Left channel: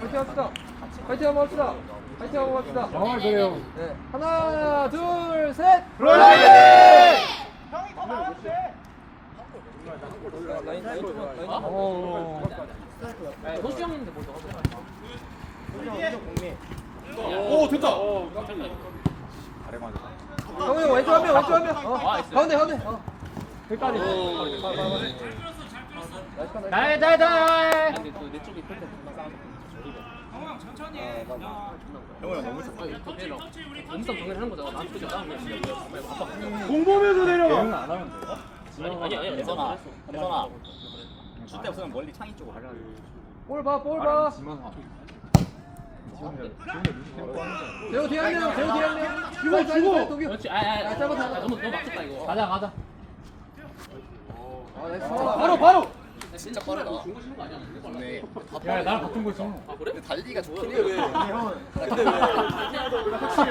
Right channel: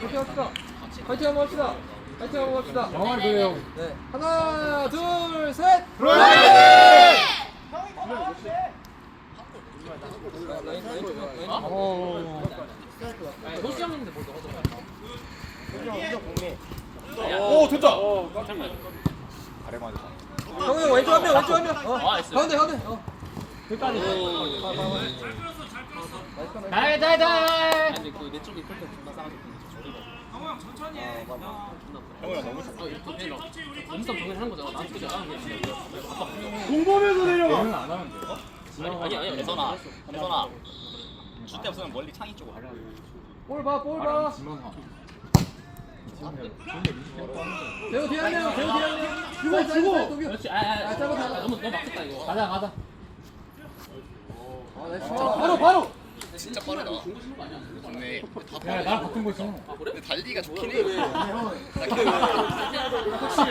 파이팅 합시다. 파이팅 한번 합시다. 파이팅 한번 합시다. 정말 그래요. 네. 하나, 둘, 셋. 브라이팅! 라인, 라인, 라인. 어. 노수 형인데 뭐 너가 오 됐다. 형님 왼쪽 한 명, 왼쪽 한 명. 어. 아. 가운데, 가운데. 어. 끝까지. 나이 아 그지 않아 공범에서 내려가. 아니 아니 예선아 예선아 줄때 없으면 멀리 창이 쪽으로 가려 볼 봐, 볼 봐. 대호 명, 대호 명. 주고. 그렇지 아아 아, 잡아, 잡아. 너무 너무 막혔다 이거 가자 가자. 아. 바로 바로. 진짜 빠르다 좋네 다야 빠르네 나랑 같은 거 있어. 아 그래? 근데 달리기가 좋긴 해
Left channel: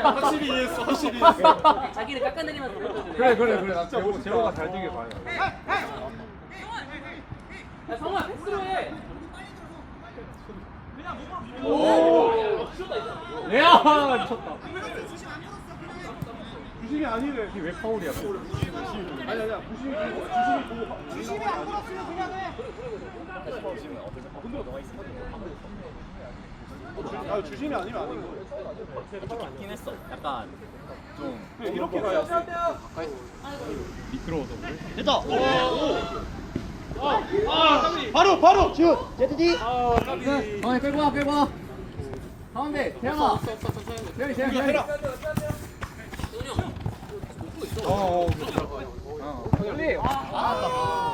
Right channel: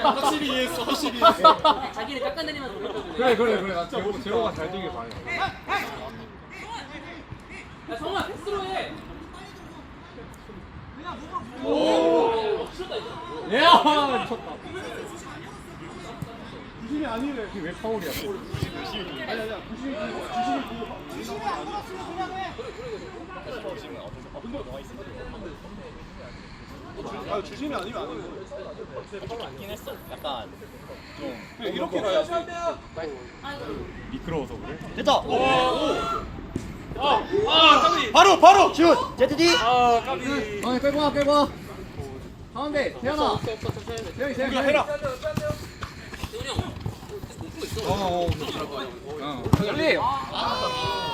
확실히 이해했어. 확실히 이해했어. 자기를 깎아내리면 돌려보지 그래 그래 그래. 난 제호 제호가 잘 되길 바래. 야 성아 패스로 해야 미쳤다. 구신이 아니래. 왜 파울이야? 아니 아니야. 구신이 구신이 구신이 아 주신이 아니면 아니고. 있긴 했어 약간 그냥 이렇게 가야지. 미끄러워서 그래? 됐다 바로 바로 슛. 제트디. 가운데 끌고 와, 끌고 와. 가운데, 태현아. 태현이, 태현이, 태현이. 어. 열리. 아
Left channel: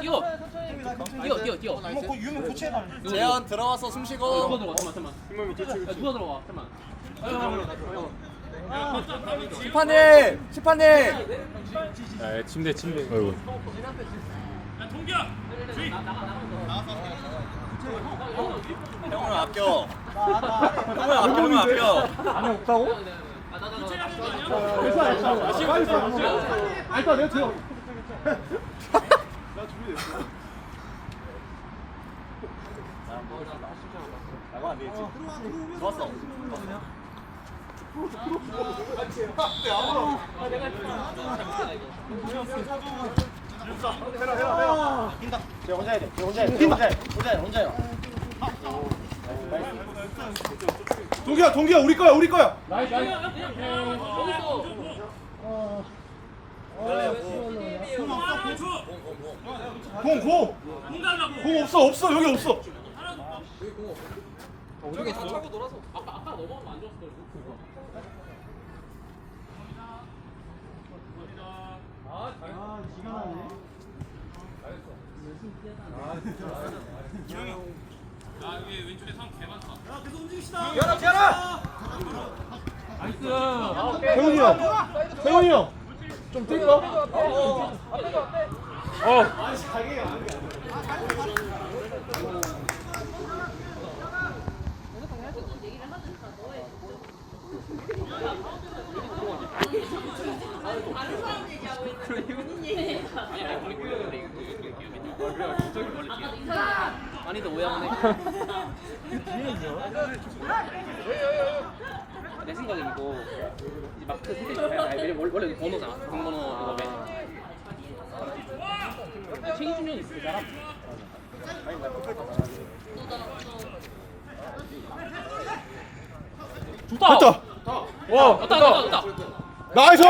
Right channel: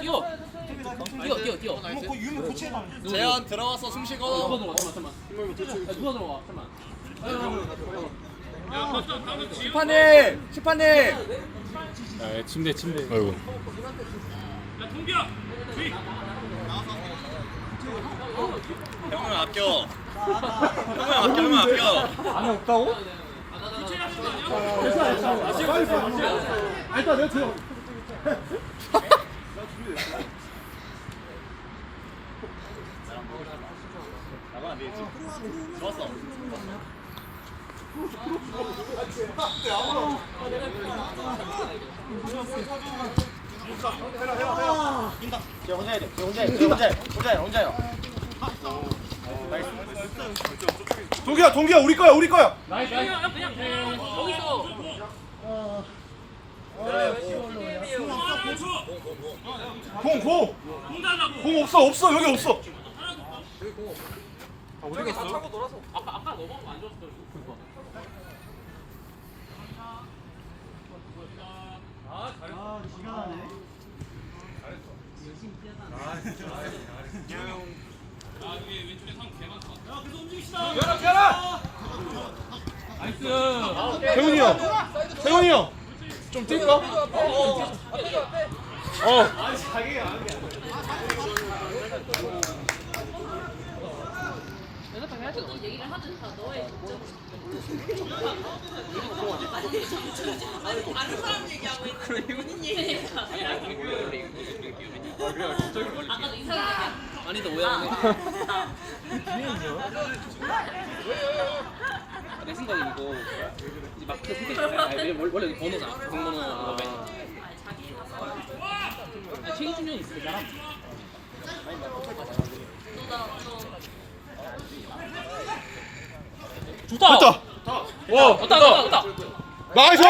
뛰어 뛰어 뛰어 뛰어 유무 고치해 봐. 재현 들어와서 숨 쉬고 누가 들어가 잠깐만 잠깐만 야, 누가 들어가 잠깐만 심판님, 심판님. 에 침대 침대. 아이고. 형을 아껴 형을 아껴 형을 아껴 안에 없다고? 됐어 됐어. 빨리 빨리. 아 일단 내가 들어. 나가 안 되겠지 좋았어 쟤 혼자 해야 돼. 쟤 혼자 해. 쟤 혼자 해. 혼자 해. 혼자 해. 동기야 동기야 우리 거야 우리 거야. 나이스 나이스 공 공. 공 없어 없어 여기 없어. 우리가 있어. 아까 아까 너가 안 좋았을 때 그거 태훈이 형. 태훈이 형. 좀 뛸까? 어. 얘기를 하든 다 너의 아니 다른 사람 얘기하고 있는데 본인 얘기가 아까도 이 사람 아니다 오해하네 내 생각에 이거 이제 마크 선택 아니 원래 번호잖아. 등번호 이거 맨 있어 그 사람 좋다. 됐다. 와 됐다 됐다. 됐다 나이스.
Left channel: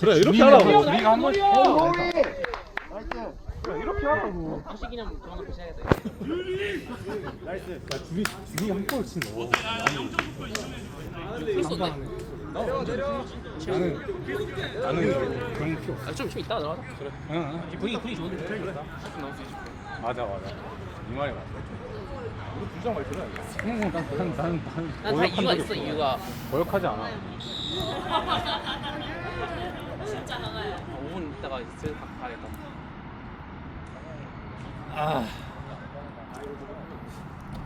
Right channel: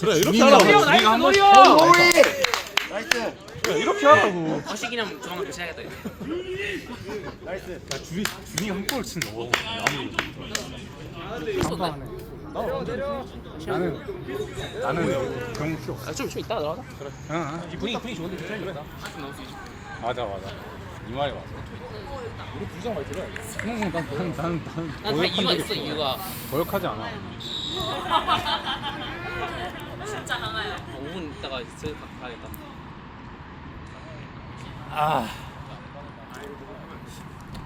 그래 이렇게 하라고. 우리가 한 번씩 그래, 이렇게 하라고. 거시기념 조만간 교체해야겠다 나 준이 준이가 한골 치는 거. 나는 나는 병 필요 없어. 아좀 좀 이따 나와 그래 이 분위기 분위기 좋은데 그래 그래 맞아 맞아. 이 말이 맞아. 우리 부장 말 들어야겠어. 난난 난 난 난다 이유가 있어 이유가 거역하지 않아. 진짜 강해요 5분 있다가 저 가야겠다 아.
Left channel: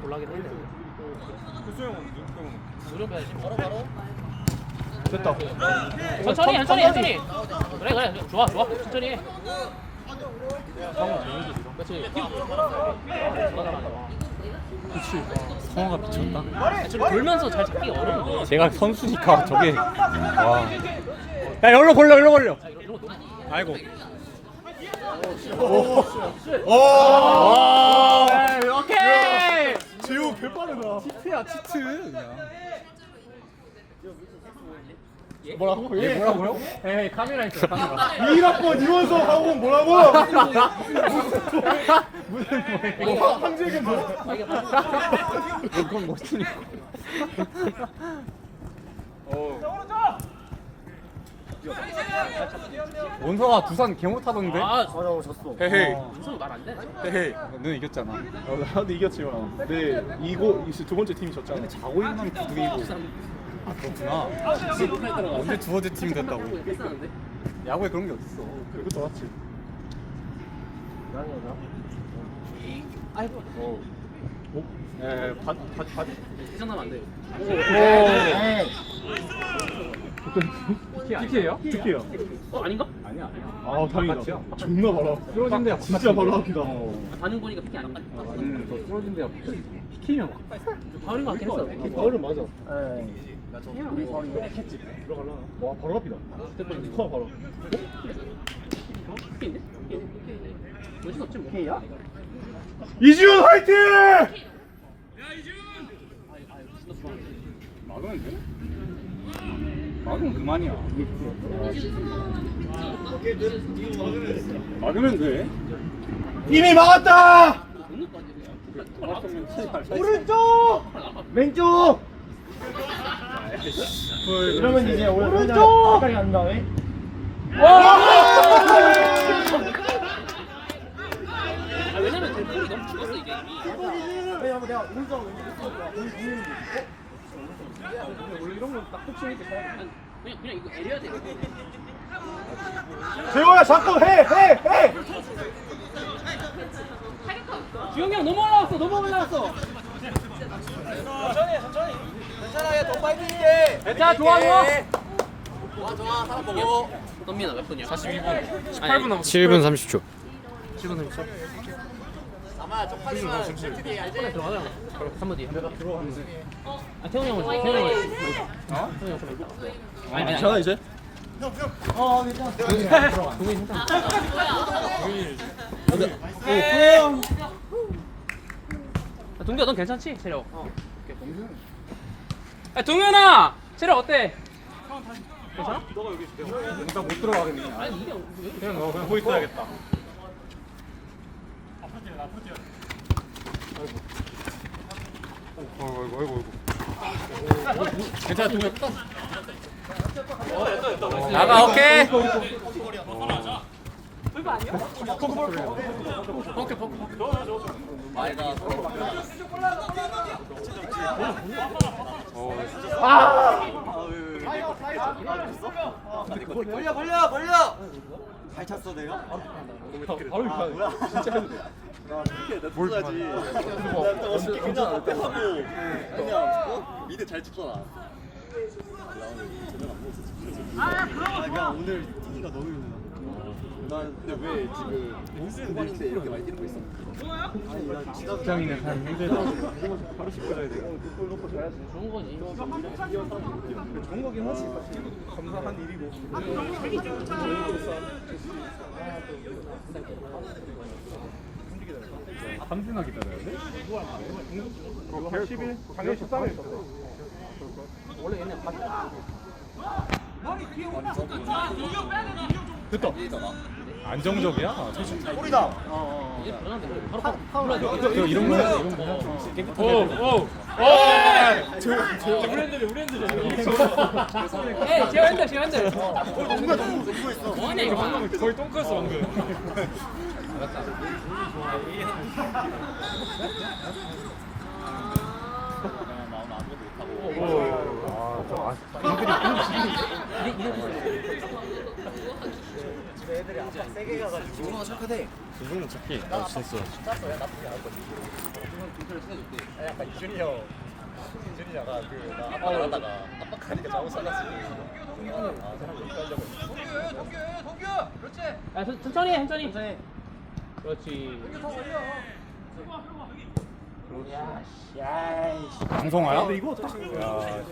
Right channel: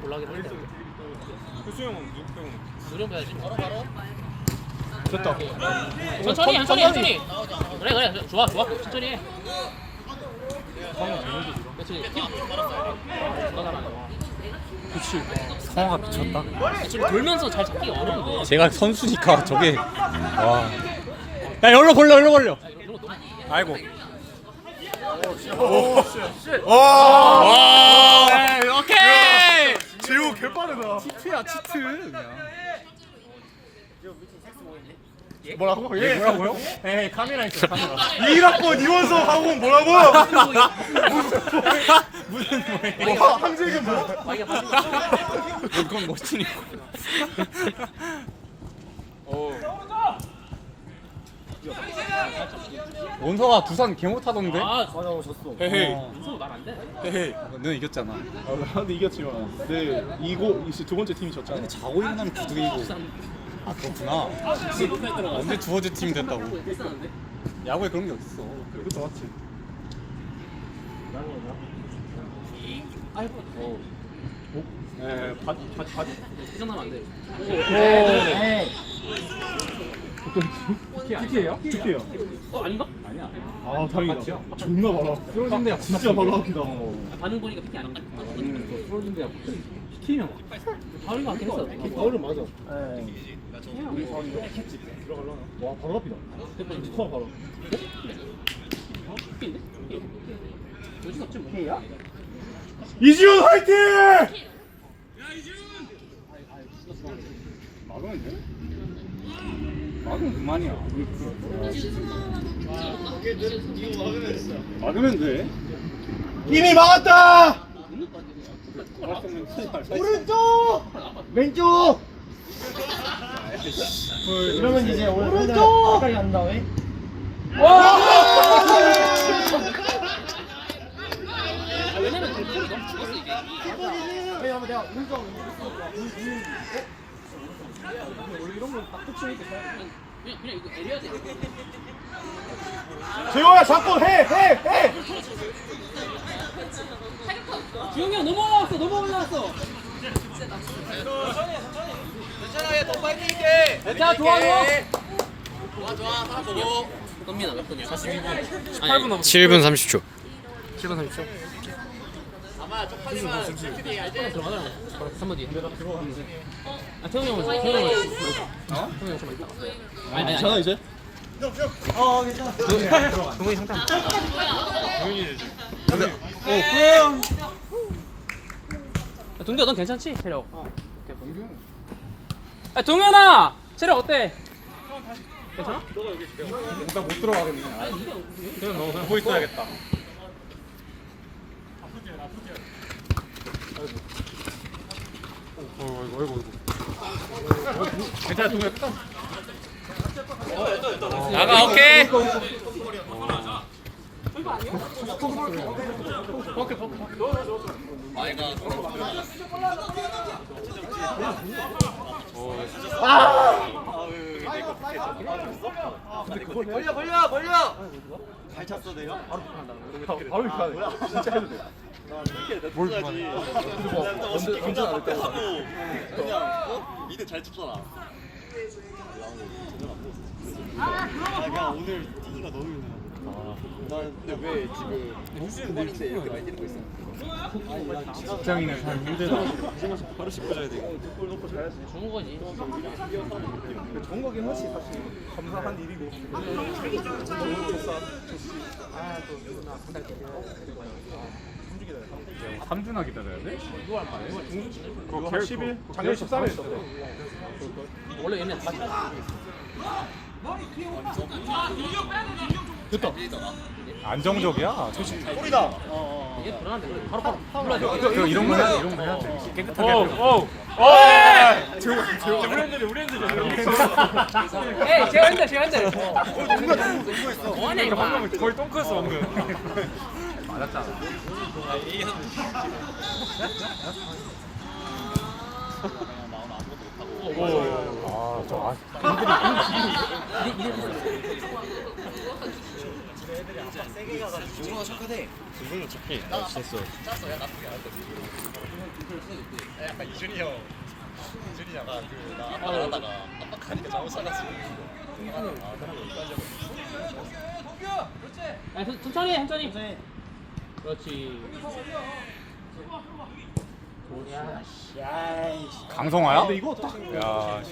올라가긴 했는데 누르면 됐다. 천천히 천천히 천천히 그래 그래 좋아 좋아 천천히 해 그렇지 그치. 성화가 미쳤다. 지금 돌면서 잘 잡기 어려운데 제가 선수니까 저게 와. 야 열로 벌려 열로 벌려. 아이고. 와. 오케이. 재우 개 빠르다. 치트야 치트 그냥. 뭐라고? 예 뭐라고요? 에이 카메라 있어 카메라. 1학번 이원석 하고 뭐라고? 무슨 뭐예요? 황재균 뭐? 그건 멋지니까. 원서가 두산 개 못하던데? 아 맞아 졌어. 헤헤. 무슨 말안 돼? 헤헤. 너는 이겼잖아. 아, 나도 이겼지만. 네 이거 이제 두 번째 팀이 졌잖아. 자고 일어나면 구두개 이고. 아 그렇구나. 언제 두 번째 팀 됐다고? 야구에 그런 게 어딨어 그것도 맞지. 어. 에, 받, 받, 받. 이정도면 안 돼 PK예요? 특히요. 어 아닌가? 아니야 아, 다행이다. 존나 말아. 쓰러진 데야 진짜 말아 합니다. 반응 보니까 피키 아닌가? 쓰러진 데야 PK면 다른 거 같긴 했어 얼음 맞아. 들어갈라나? 와, 바로 앞이다. 와, 바로. 피키인데? 어디서 없지 뭐 K야? 이지훈 화이팅! 막으면 돼? 막으면 그만이야. 막으면 돼. 이미 막았다! 오른쪽! 왼쪽! 이러면 이제 오른쪽! 가까이 간 다음에 아 왜냐면 그 콜이 너무 죽었어 이게. 아니 한번 내가 오른쪽 원래 이런 touching 때 그냥, 그냥 이거 내려야 돼 재호야 자꾸 해! 해! 해! 지영이 형 너무 올라왔어 너무 올라왔어 자 좋아 좋아 좋아 좋아 사람 보고 선민아 몇 분이야? 42분 8분 남았어 7분 30초. 7분 30초 아마 쪽팔리면 셀프디 알지? 3분 뒤에 아 태웅이 형 태웅이 형 어? 태웅이 형 좀. 아니 아니 괜찮아 이제? 야, 동규야 넌 괜찮지? 체력 어 야, 동현아 체력 어때? 괜찮아? 누가 못 들어가겠네 아니 이게 그냥 뭐 보고 있어야겠다 어이구 어이구 어이구 괜찮아 나가 오케이. 벌려 벌려 벌려! 바로 이렇게 하네. 진짜 뭘 좋아하지 괜찮아 하고 그냥 어? 미드 잘 쳤잖아. 아 오늘 뛰기가 너무 나 근데 왜 지금 무슨 일인데 이렇게 많이 뛰는 거 있어? 직장 있는 사람 힘들다 바로 씻고 자야 돼. 좋은 거긴 하지. 감사한 일이고 삼주나 기다려야 돼? 그거 10일? 작년 13일 있었대 원래 얘네 다 됐다. 안정적이야? 뿌리다. 이게 불안한데 그래. 바로 바로 불러줘 이거 이런 거 해야? 돼 이런 거 해야? 돼 깨끗하게 해야 돼. 에이 제 한대 제 한대 거의 똥크였어 방금 약간 이준이 형 이준이 형아 그나 아빠 나갔다가 아빠 야, 천- 천천히 해, 천천히. 그렇지. 강성화야? 근데 이거 딱 야,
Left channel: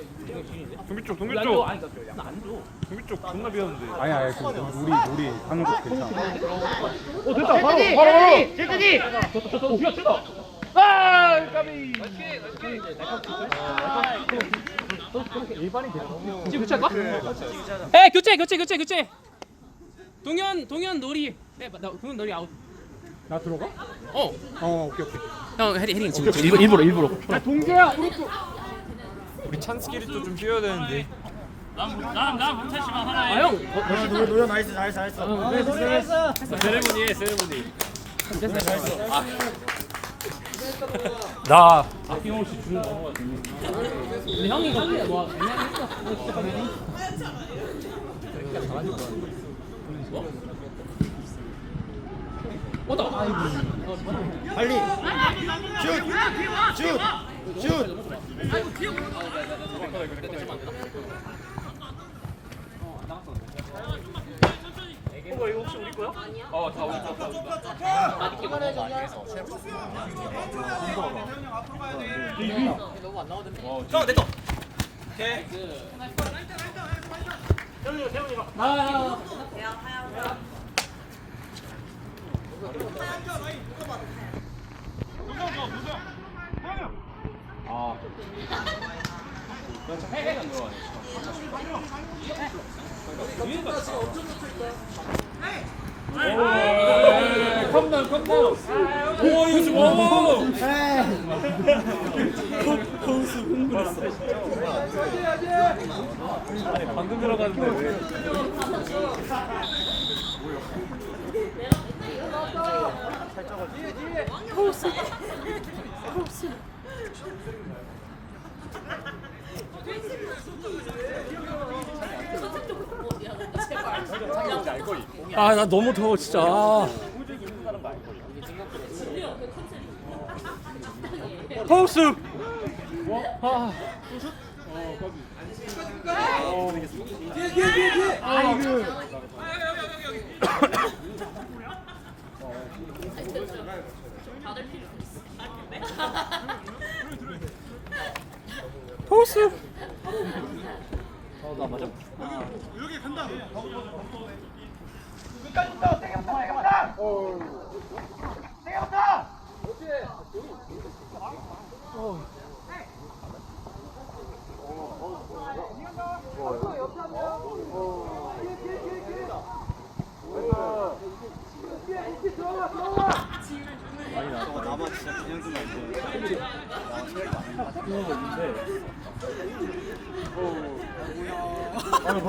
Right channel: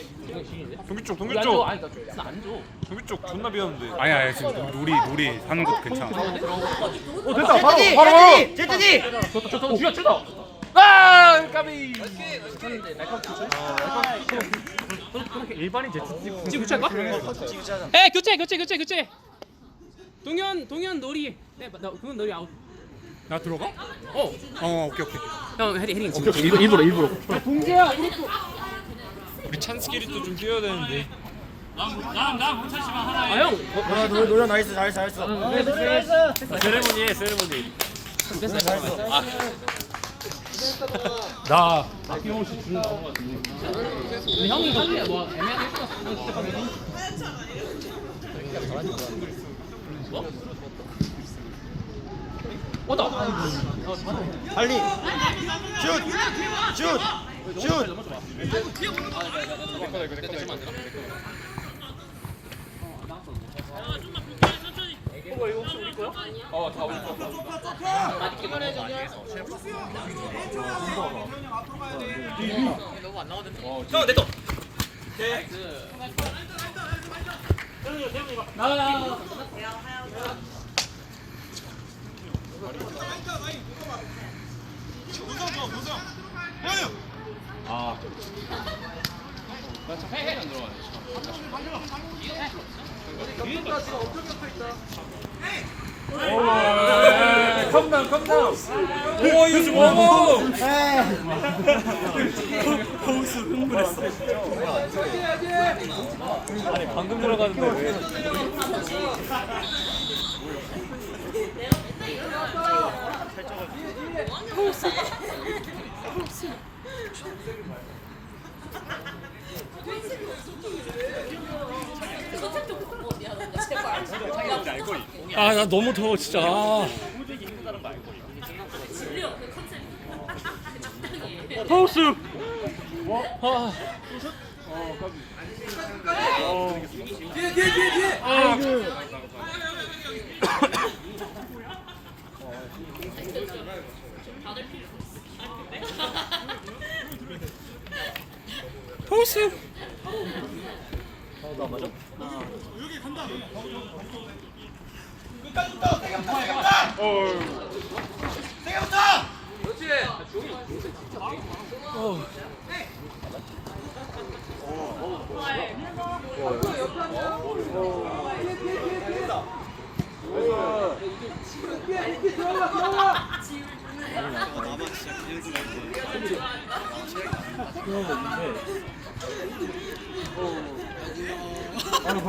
경기 쪽 줘, 쪽 아니, 나안 줘. 경기 쪽 존나 비었는데 아니야, 아니야, 지금 놀이 놀이 하는 거 괜찮아. 오 됐다 바로 바로 제트디! 저, 저, 저, 쥐어, 찢어! 아! 까비! 일반인 제트 지금 교체할까? 에 교체 교체 교체 교체 동현 동현 놀이 네, 나 동현 놀이 아웃 나 들어가? 어. 어, 오케이 오케이. 형 헤딩 헤딩 지금 일부러 일부러. 우리 찬스끼리 또 좀 뛰어야 되는데. 아 형 노래 노래 나이스 나이스 나이스. 세레모니 해, 세레모니. 나. 아낌없이 줄을 넘어갔지. 근데 형이 하기야 뭐. 애매하게 했어. 어, 진짜 강현이 어? 왔다 빨리 슛 슛슛 오, 이거 지금 오! 아니 방금 들어갔는데 왜? 아, 나 너무 더워 진짜. 포스. 아. 포스.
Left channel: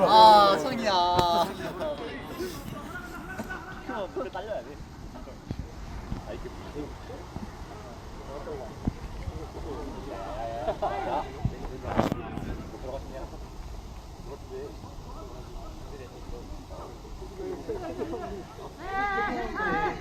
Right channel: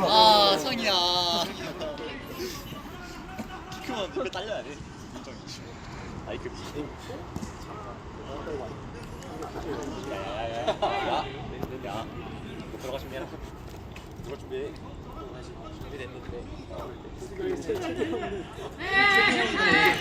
아 성이야. 키크만 눈에 딸려야 돼 아이 그 야야야야 못 들어가시면 누가 준비해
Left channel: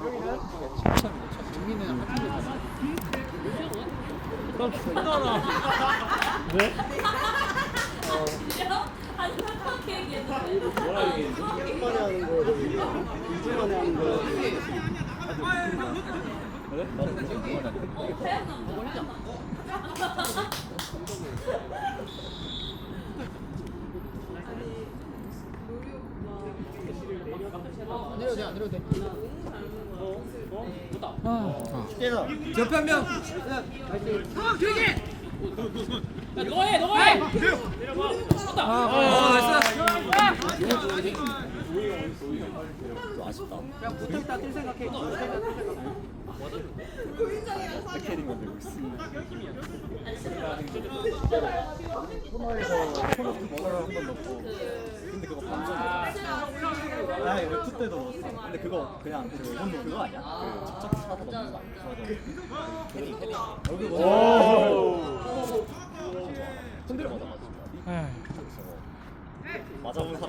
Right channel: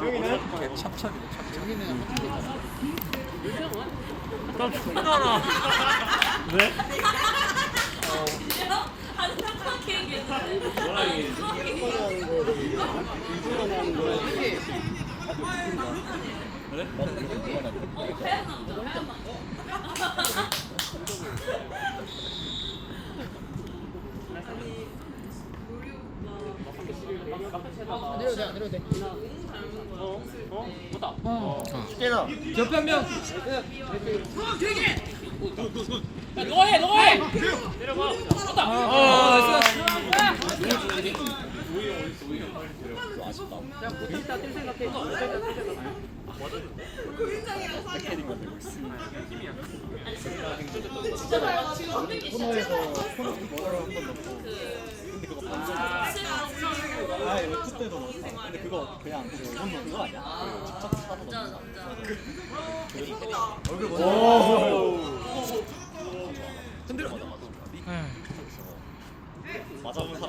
는? 항상 그렇게 얘기했는데. 내려도 돼 때. 깨나 야, 너가 해 너가 해 오빠는 그거 보면 고인장이랑 사귀어. 아니 웹툰 때도 근데 그거 그냥 그 운동 그거 아니야?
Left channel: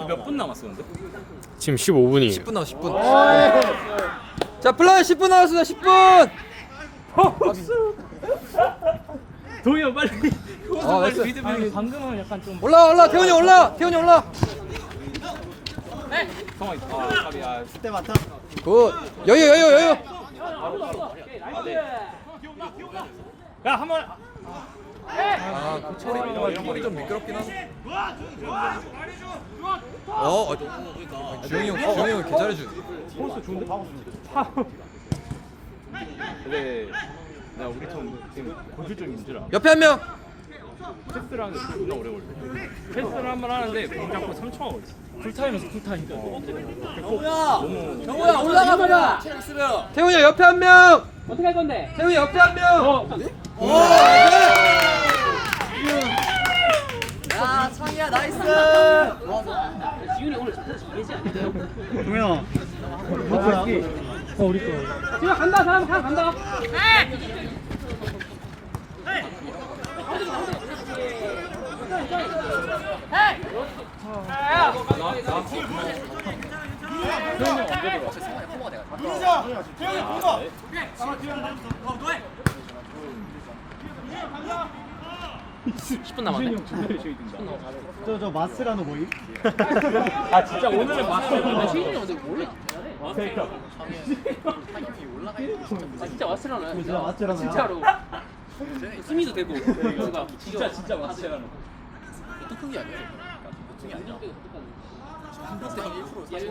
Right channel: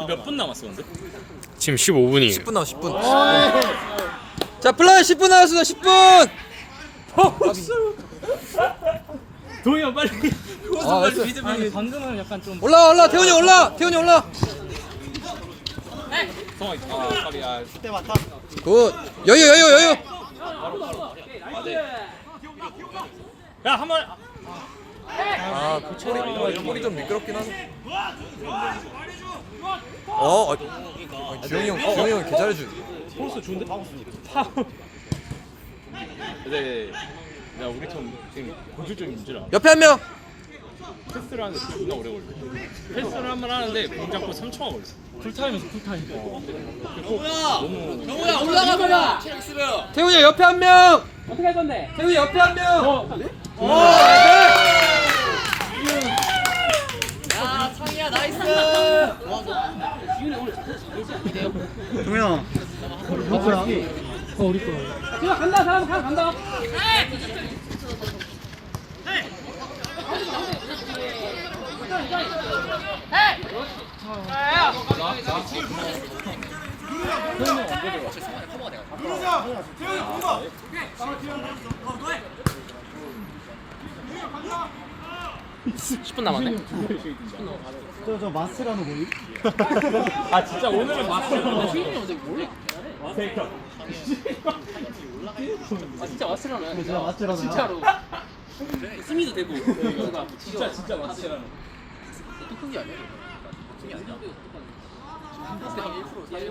몇 분 남았어 근데? 지금 15분이에요 10분 남았 10분. 자 플라이 10분 남았습니다 10분. 도희 형 빨리 아, 나이스. 아니 방금은 약간 좀 올라 올라 태훈이 올라 태훈이 올라. 성아 아 갑이야 그때 많다 굿. 여유 여유 여유. 야 한 번 아, 그 처리 꼬리 좀 미끄럽긴 하네. 어, 어, 주영이 형, 주영이 형 개잘해주네. 포스 좋은데 근데 야 우리 팀 지금 공실적인 문제라 옆에 한 명. 패스를 하는데 존나 오래 걸려 패스를 한 번 하는데 공 잡고 3초가 걸렸어 풀타임에서 풀타임 정우야 올라가봐. 태훈이 형 옆에 한 명. 어떻게 할 건데? 태훈이 옆에 한 명. 어. 오, 나이스. 지훈이 오늘 잘하지? 동현아 누구야? 어 우리 거야 지훈 간다 사람 사람 간다. 저 저 마스라노 보이? 아 진짜 오늘은 맞어. 지훈이 형 근데 원래 아 진짜. 진짜 마스라노 진짜로. 스미도 되고. 뭔가 진짜 진짜 왔으라는. 큰게 아니야. 큰 게 아니야.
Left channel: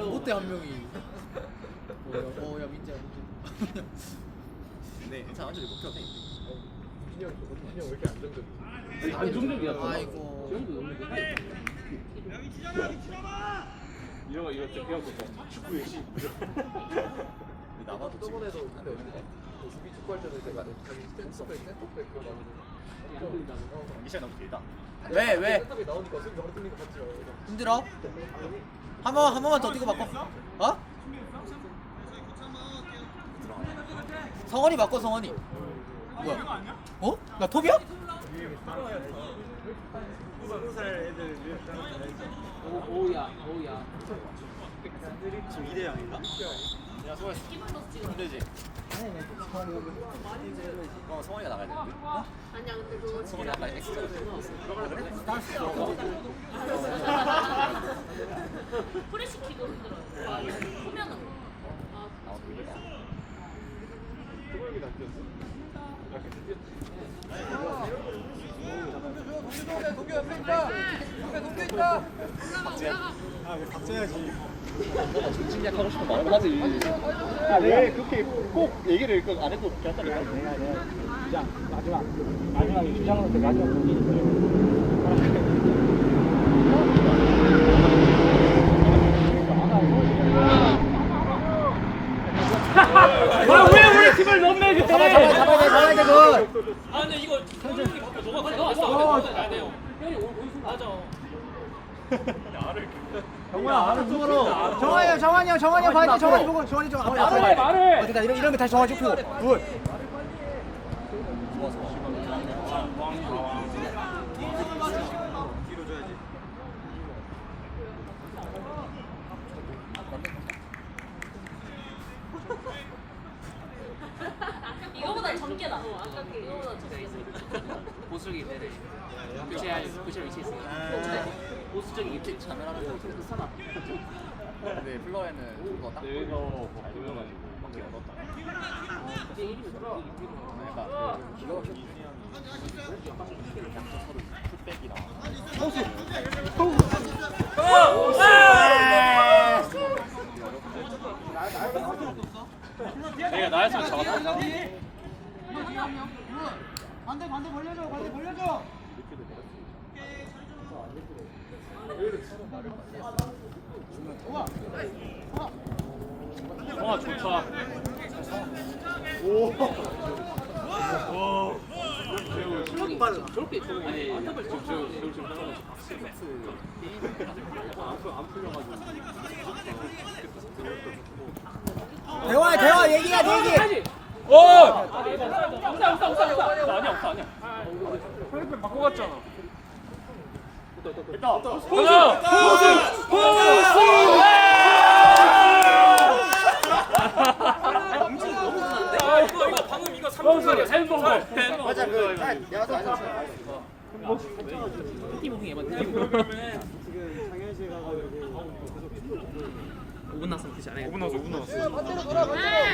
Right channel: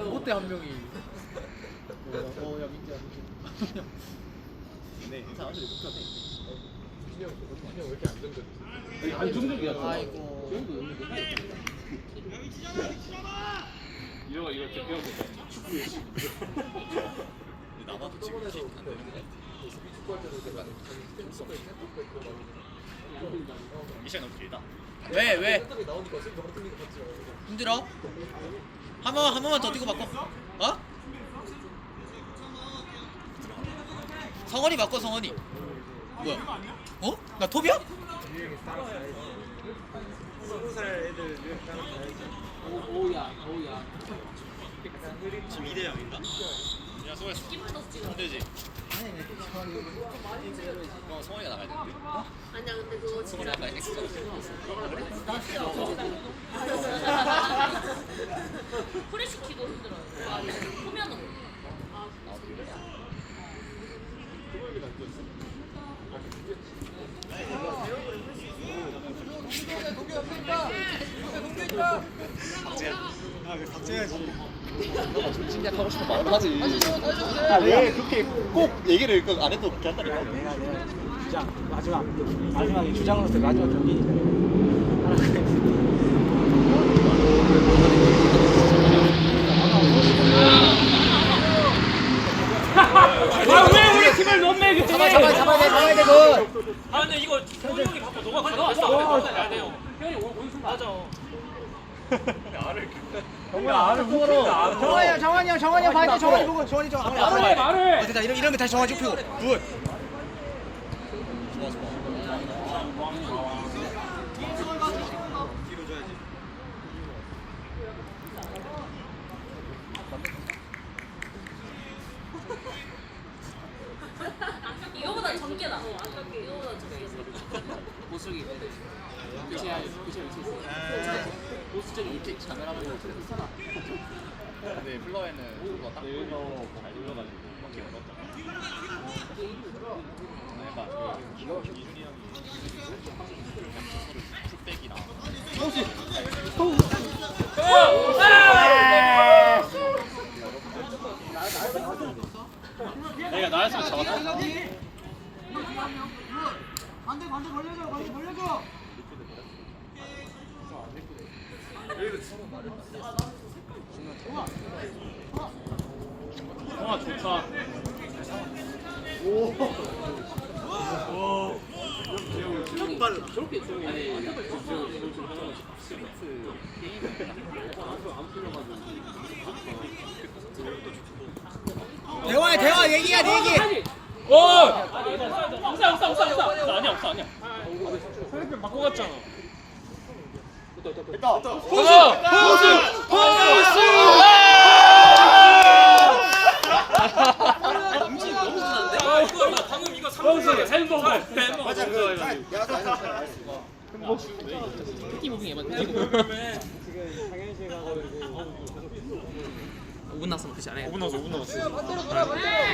롯데 한 명이. 어, 야 민재야. 네, 못 켜. 진영, 진영 왜 이렇게 안정적이지? 안정적이야. 아이고. 이거 이렇게 같아 축구 열심히 나봐도 지금 안 되는 거 같아 축구할 때도 내가 미션 너무 길다 왜 왜? 힘들어? 한 번만 한 번만 더 뛰고 바꿔. 어? 성원이 바꿔 성원이. 뭐야? 어? 나 톱이야? 오, 오야 오야. 지금 2대 0인가? 야 수고했어 힘들지? 어 성원이가 나가야 되는데 아니야 근데 그거 성원이 아까 엑스 프레시키도 힘들어 보면은 아 왜 그렇게 꼭 얘기를 그 안 해도 그렇게 한다니까 내가 내가 진짜 마지막 마지막에 주장으로서 마지막 경기 왜 우리 팀을 못 매겨? 잡아 잡아 잡아야 돼 잡아야 돼 그. 아 근데 이거 바꿔 너가 가져왔어. 안 해요. 형이 맞아. 정환이 형 정환이 형 정환이 형 봐야 정환이 보고 정환이 말을 해 말을. 어 됐다 이런 거 다시 정화 좁히고. 굿. 이거보다 전개다 이거보다 전개 보수 쪽이 네네. 그치 아니 그치 위치 있어. 보수 쪽이 입지 자멸하면 그래도 사나. 근데 플러에는 그거 딱 내가 잘 돌려가지고 바퀴 얻었다 그러니까 기가 막혀 이준이 형이 양쪽서로 풀백이랑 내가 나였으면 잡았다. 와 좋다. 오 그때 저거 아니 대화 대화 얘기야 얘기. 어! 없어 없어 없어 없어 아니야 없어 아니야 상대편 바꿔 갔잖아 됐다 됐다 포스 포스 움직임 너무 순한데? 방금 이거 포스 햄버거 맞아 그 내가 팀 무빙 해봐 팀 지금 상현실 가가지고 5분 났으면 그치 않아요? 5분 남았어 5분 남았어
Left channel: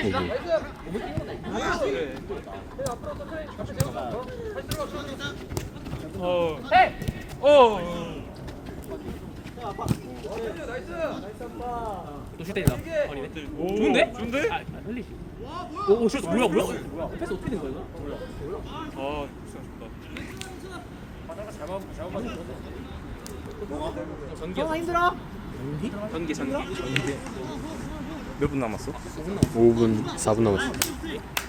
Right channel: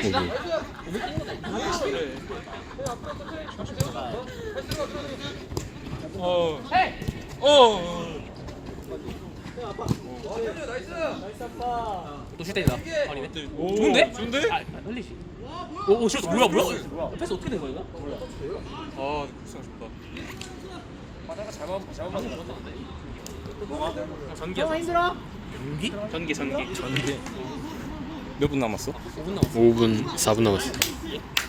어. 어. 또 슈팅이다 아니네 오, 좋은데? 좋은데? 아 흘리시 오 오 슛 뭐야 뭐야 패스 어떻게 된 거야 이거? 아. 전기? 전기 전기 전기 몇 분 남았어? 5분 남았어 5분 4분 남았어.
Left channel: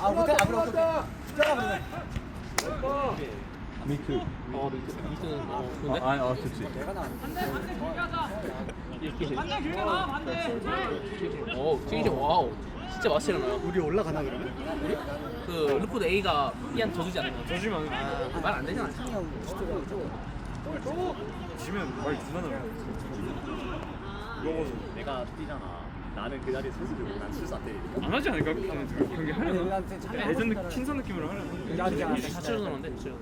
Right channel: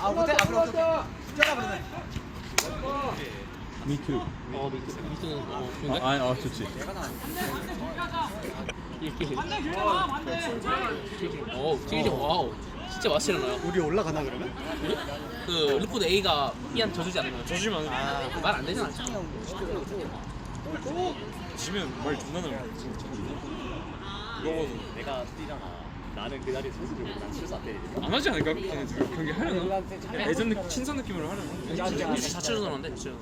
아 그때 아 그래 그때 스테라 그러네. 미큐. 어어 좋은데? 아, 아, 좋지. 이렇게 오 칠칠 와우 진짜 맛있잖아 우리 올라가나 그러면? 그 루포드 A가 B한 져주지 않는 거야 저지만 말안 되잖아 지면 말 존나 나요. 이거. 내가 뛰잖아. 나는 그 자리에 선수 들고 난 출사 때. 안 하지 않을까? 그냥 그렇게 하려나? 예전 느낌, 친선 느낌으로 하려나? 자체적으로는데 진짜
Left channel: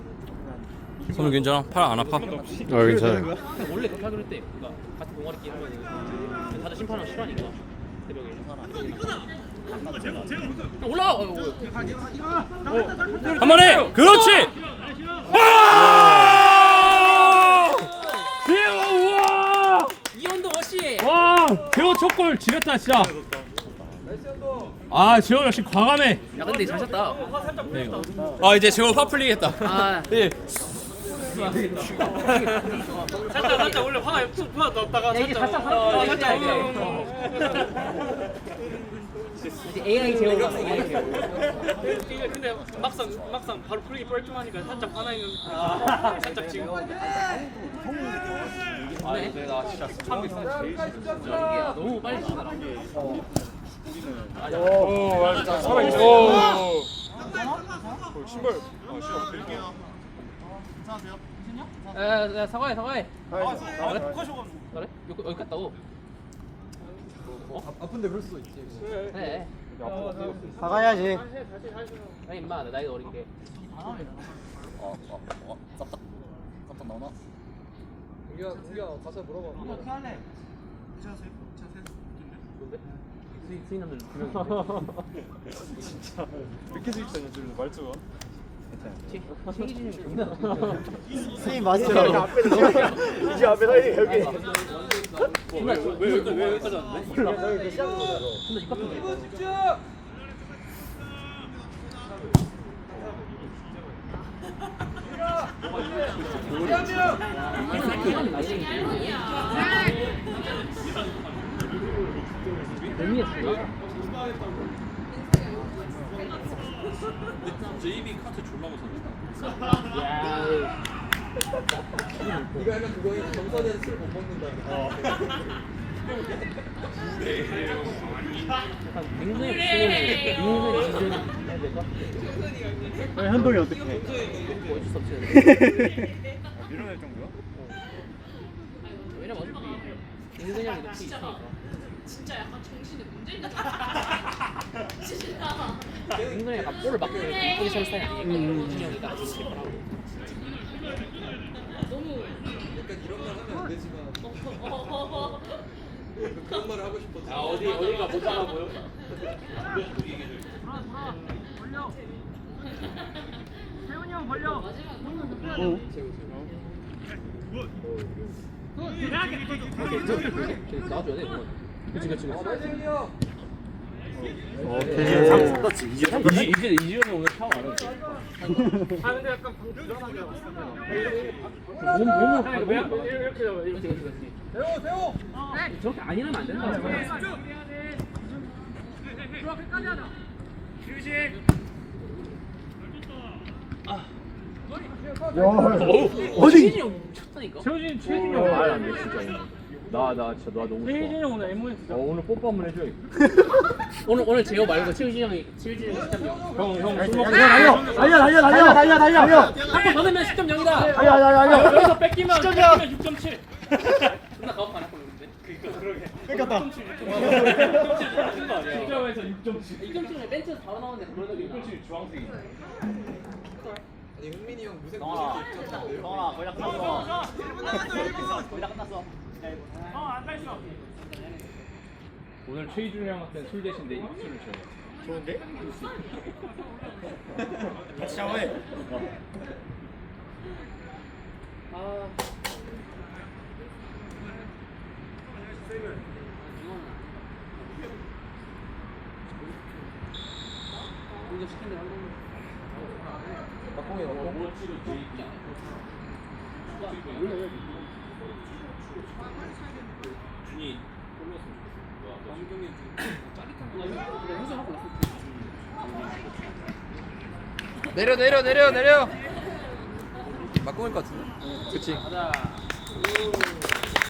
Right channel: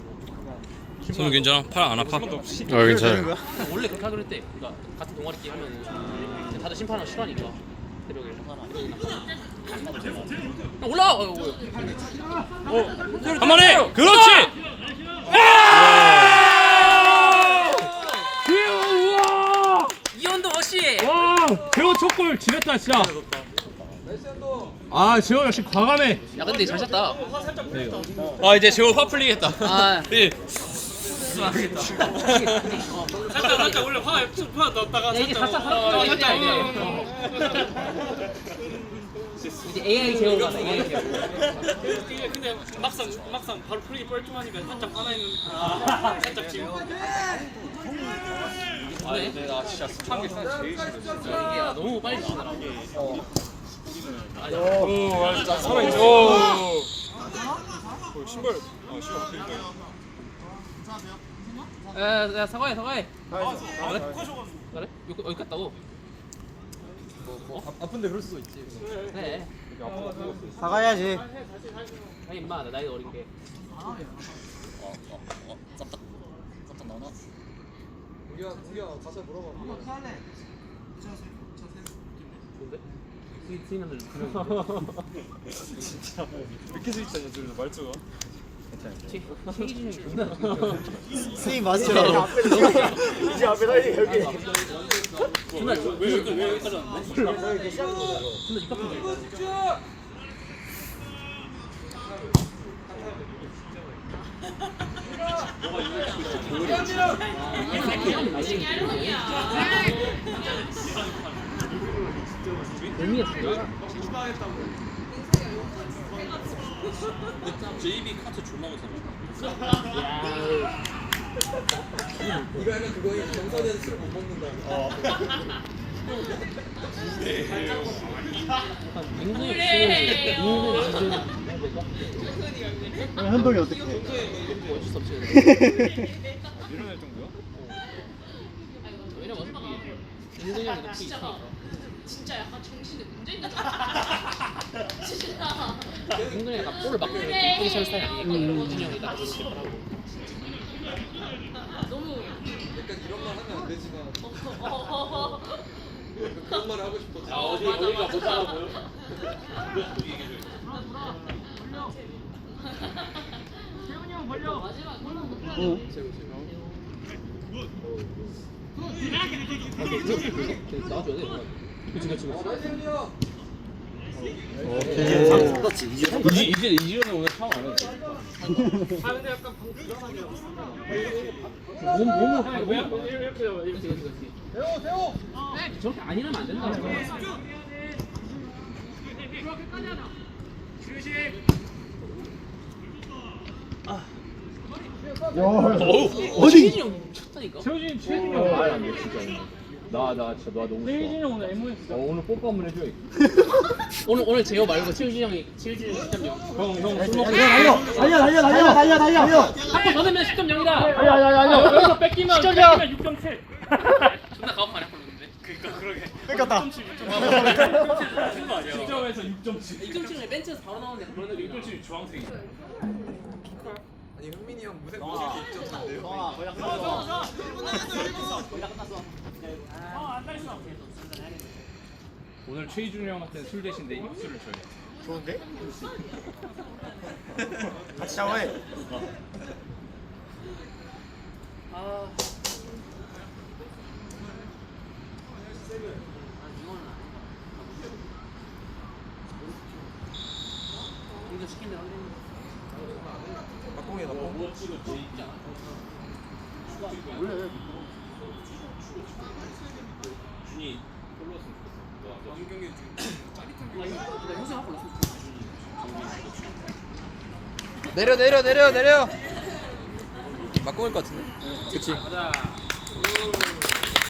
손은 괜찮아? 팔 안 아파? 어 괜찮아요. 원래 그렇게 하기로 했대 그러니까 같은 동아리 게임 하면 다들 심판은 싫어하니까 새벽에 야, 올라와! 어, 뭐야. 한 번에! 그렇지! 이현도 워시! 와, 배우 첫골 지렸다 진짜. 아, 지호 역시 과감해. 야 근데 잘 쳤다 아, 이제 지금 화 풀리겠다. 아 예. 살짝 살짝 원래 화푹 풀어놨다가 야 이제 살짝 살짝 이제 AI 제어로 가네 AI 제어 근데 막상 막상 바로 풀기 뻘쭘하니까 살짝 화나 있는 살짝 지금 네. 내가 진짜 처음에 제일 이게 너무 빨리 치다 오 맞아 살아있어 오 신발 어 신발 야, 야 사과해 사과해 그래? 그래? 여기, 여기 갔다고? 아픈데 그럴 수도 있지. 그래 사과해야지. 아니 임마 나 나이가 어린 게 어, 어, 어, 쌉딱. 쌉딱 나오나? 우리가 우리가 가서 물어봐. 어떻게 할래? 뭔데? 스위 스위남들 진짜 이렇게 스위치하냐 지금 말투가 스윙 마스터. 이제 앞에 나 여기. 존나 왜왜 왔는데? 존나 입 JB 카트 존나 못하네 이거 하면 그거 정선에서 술못 먹는다. 현동이 어떻게? 어쩔 수 없지 밀어낼 정도야? 왜냐면 어차피 있으니까 진짜 약간 정신이 문제 있는 거 진짜. 굉장히 약간 볼을 막고 이렇게 이쁘게 설 스타일이 아니니까 진이 형이 딱 스킵을 하고 너무. 그런 말 하고 싶어. 아 어디 어디가 못 따라 보여? 나와줘야 돼. 이거. 그치 그치 그치. 상관없지. 이제 이제 이제 이지현이 오늘 타워 안 해. 몸 몸을 가- 왜 이렇게 잡아 이렇게 그치. 저렇게 안 일하면 안 된다. 어디? 형 미쳤다니까. 최우진 최우진 형 말이 안돼 진짜. 나 나 진짜 나 너무 최우진 형 오늘 MS. 어, 오늘 뽀뽀 한번 해줘. 오늘 오늘 제가 말고 최우진 형이 최우진 형이 10점 0. 형 형 술 먹고. 달려 달려 달려 달려 달려 달려 달려 한번 더 넣으면 10점 0이다. 아니 아니 아니 아니. 여기서 뺏기면 뺏기면 6.7. 존나 가혹하네 보는데. 뺏겼다 10점에서 6.7. 2.7을 벤치에서 바로 나오는데 그러다 6.7 주황색이. 성아 거의 다 끝났어. 1분 남았어 1분 거의 다 끝났어. 오늘 최희준 형한테는 술 대신 내 입술을 줘요. 좋은데? 같이 샤워해. 아. 이거 시킨대 한 내려 내려 내려 내려. 막공일 것 같은데? 그치